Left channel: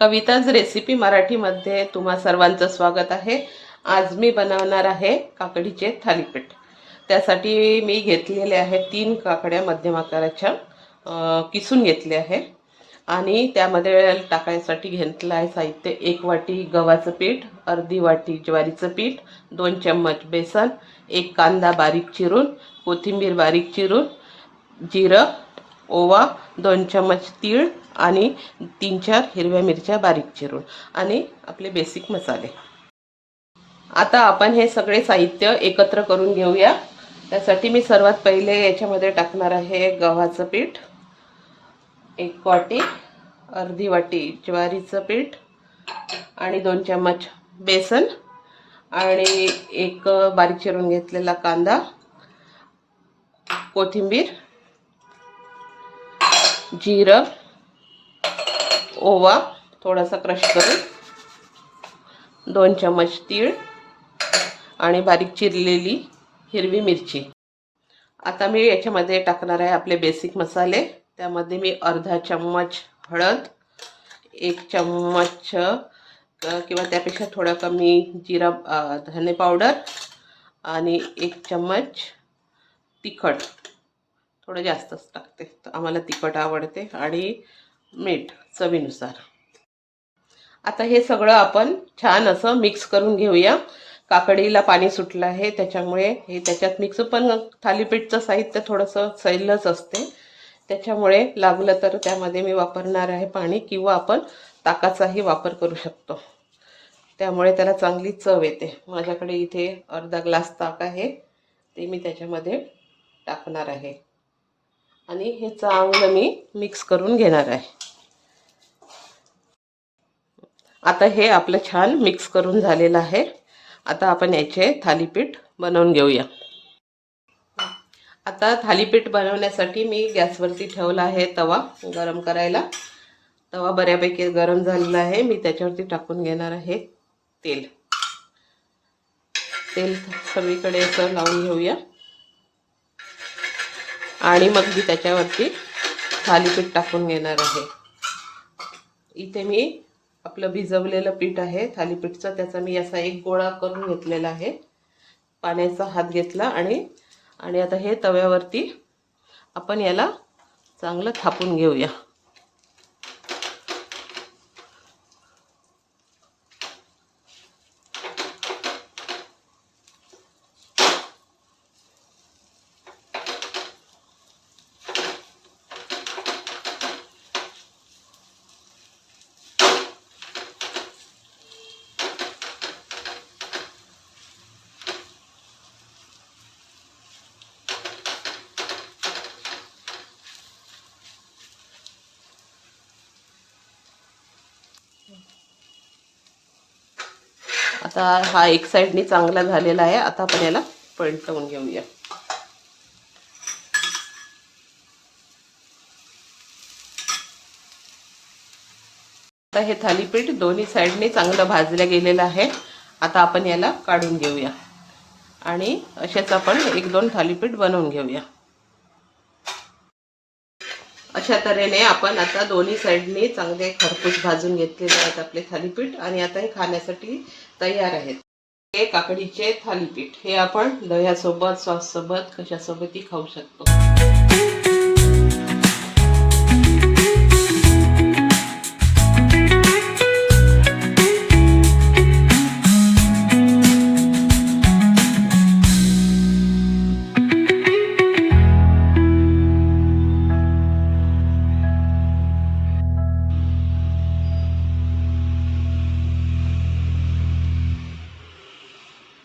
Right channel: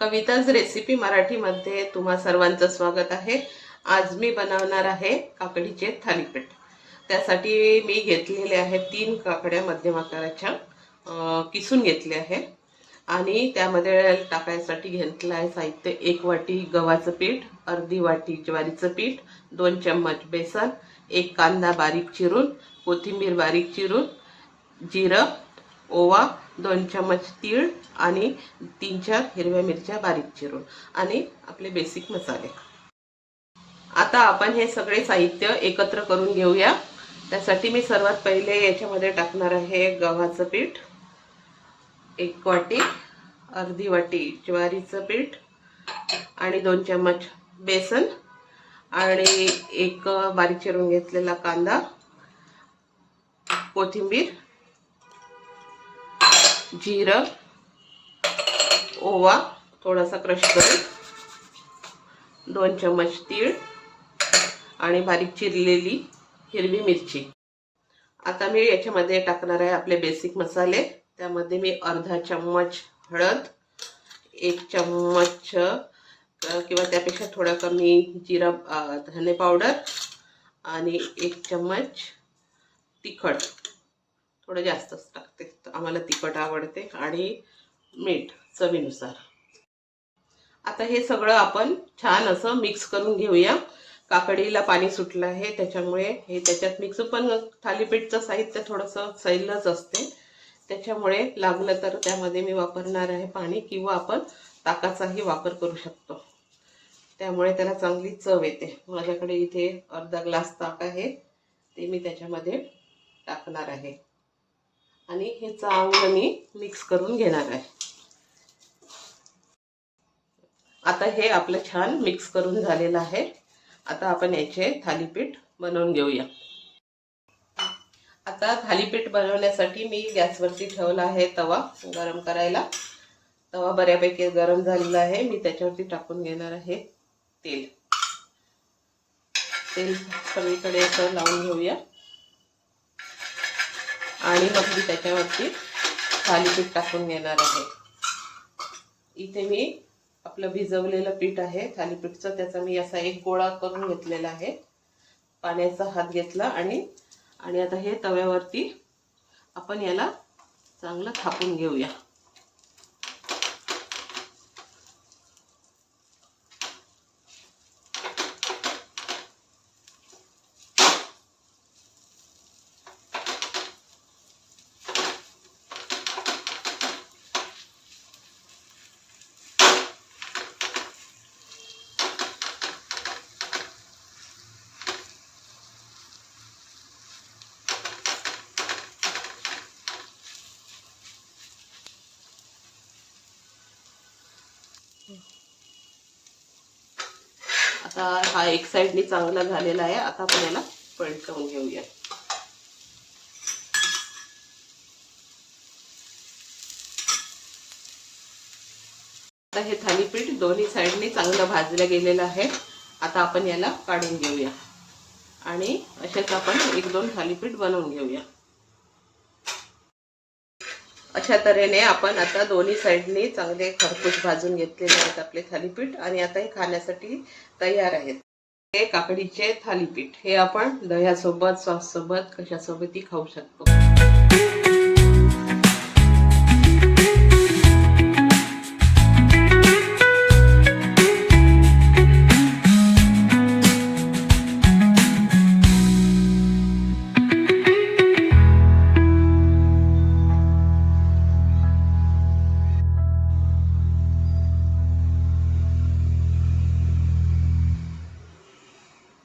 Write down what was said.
Kavita's recipe मराठीमध्ये तुम्हा सर्वांचं स्वागत आहे। आज मी बनवणार आहे काकडीचे थालीपीठ। त्यासाठी मी घेतलेले आहे 3 काकड्या मध्यम आकाराच्या, किसून घेतले आहे आणि त्यामध्ये टाकायसाठी घेतलं आहे साहित्य 1 वाटी गव्हाचं पीठ, अर्धी वाटी ज्वारीचं पीठ, 2 चम्मच बेसन, 1 कांदा बारीक चिरून, कोथिंबीर बारीक चिरून, जिरं, ओवा, 2 चम्मच तीळ आणि 3-4 हिरव्या मिरच्या बारीक चिरून आणि आपले बेसिक मसाले। आता आपण हे सगळे साहित्य एकत्र करून घेऊया। त्यासाठी मी सर्वात पहिले याच्यामध्ये टाकणार आहे गव्हाचं पीठ 1 वाटी, अर्धी वाटी ज्वारीचं पीठ आणि 2 चम्मच बेसन आणि 1 बारीक चिरून घेतलेला कांदा, कोथिंबीर, जीरं, ओवा थोडासा क्रश करून, 2 चम्मच तीळ आणि बारीक चिरलेली हिरवी मिरची। आता मी याच्यामध्ये टाकणार आहे आपले बेसिक मसाले। त्यामध्ये मी अर्धा चम्मच हळद, 1 चम्मच किंवा त्यापेक्षा थोडा कमी जिरा धने पावडर आणि 1 चम्मच तिखट, थोडं जास्तच टाकते, तर आम्हाला तिखट आवडते, आणि मीठ चवीनुसार। आता हे सगळं आपण छान असं मिक्स करून घेऊया। काकडीला पाणी सुटलं आहे त्याच्यामुळे हे त्याच्यात मिक्स, पण थालीपीठचं साहित्य थोडंसं सैलच असते, त्याच्यामुळे लागलं तर त्यामध्ये मी वापरणार आहे पाणी, किंवा आपण ताकाचाही वापर करू शकतो, त्यामुळे त्याला चांगली चव येते। माझ्याकडे इथे अर्धा ग्लास ताक आहे, ते मी त्याच्यामध्ये टाकणार आहे आणि हे चांगलं मी मिक्स करून घेणार आहे। आता हे आपलं छान मिक्स करून झालेलं आहे। आता आपण याचे थालीपीठ बनवून घेऊया। आता थालीपीठ बनवण्यासाठी मी गॅसवरती ठेवला आहे तवा गरम करायला। तवा बऱ्यापैकी गरम झालेला आहे। मी त्याच्यावरती टाकून घेणार आहे तेल। तेल सगळीकडे असं लावून घेऊया आणि मग मी त्याच्यावरती थालीपीठ टाकून घेणार आहे। इथे मी आपलं भिजवलेलं पीठ आहे थालीपीठचं, त्याचा मी असा एक गोळा करून घेतलेला आहे। पाण्याचा हात घेतला आणि आता हे तव्यावरती आपण याला चांगलं थापून घेऊया। आता हा एक साइडनी चांगला झालेला आहे। आता आपण याला पलटवून घेऊया। आता हे थालीपीठ दोन्ही साइडने चांगलं भाजलं गेलेलं आहे। आता आपण याला काढून घेऊया आणि असेच आपण 1-2 थालीपीठ बनवून घेऊया। अशा तऱ्हेने आपण आता दोन्ही साइडनी चांगले खरपूस भाजून घेतलेले आहेत आपले थालीपीठ, आणि आता हे खाण्यासाठी तयार आहेत। हे काकडीचे थालीपीठ हे आपण दह्यासोबत, सॉस सोबत, कशासोबतही खाऊ शकतो।